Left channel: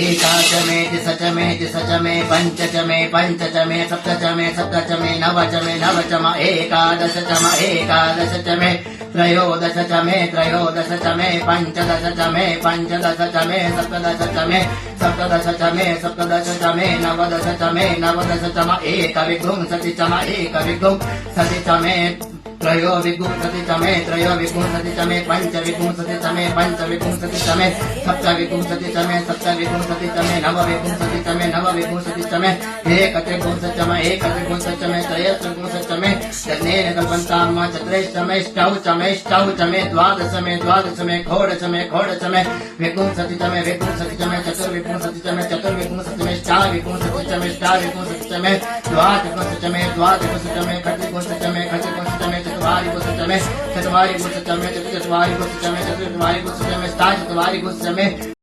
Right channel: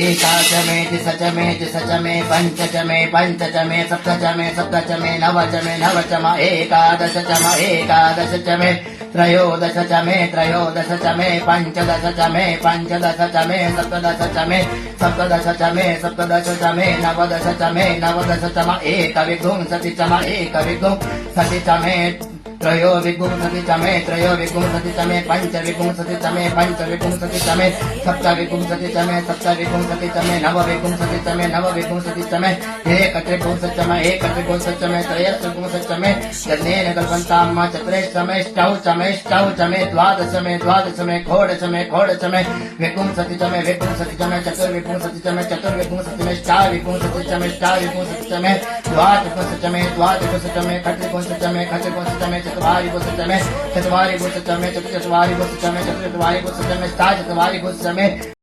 एकाच मे सच मे पंच च मे सप्त च मे नव च मे एकादश च मे त्रयोदश च मे पंचदश च मे सप्तदश च मे सप्तदश च मे नवदश च मे एकविंशति च मे त्रयोविंशति च मे पंचविंशति च मे सप्तविंशति च मे नवविंशति च मे एकत्रिंशति च मे त्रयस्त्रिंशति च मे यज्ञेन कल्पन्ताम् चतुरेष्टमेष्टौ च मे द्वादश मे षोडश मे विंशति च मे चतुर्विंशति च मे अष्टाविंशति च मे द्वादश च मे खट्विंशति च मे चतुर्विंशति च मे चतुर्विंशति च मे चतुर्विंशति च मे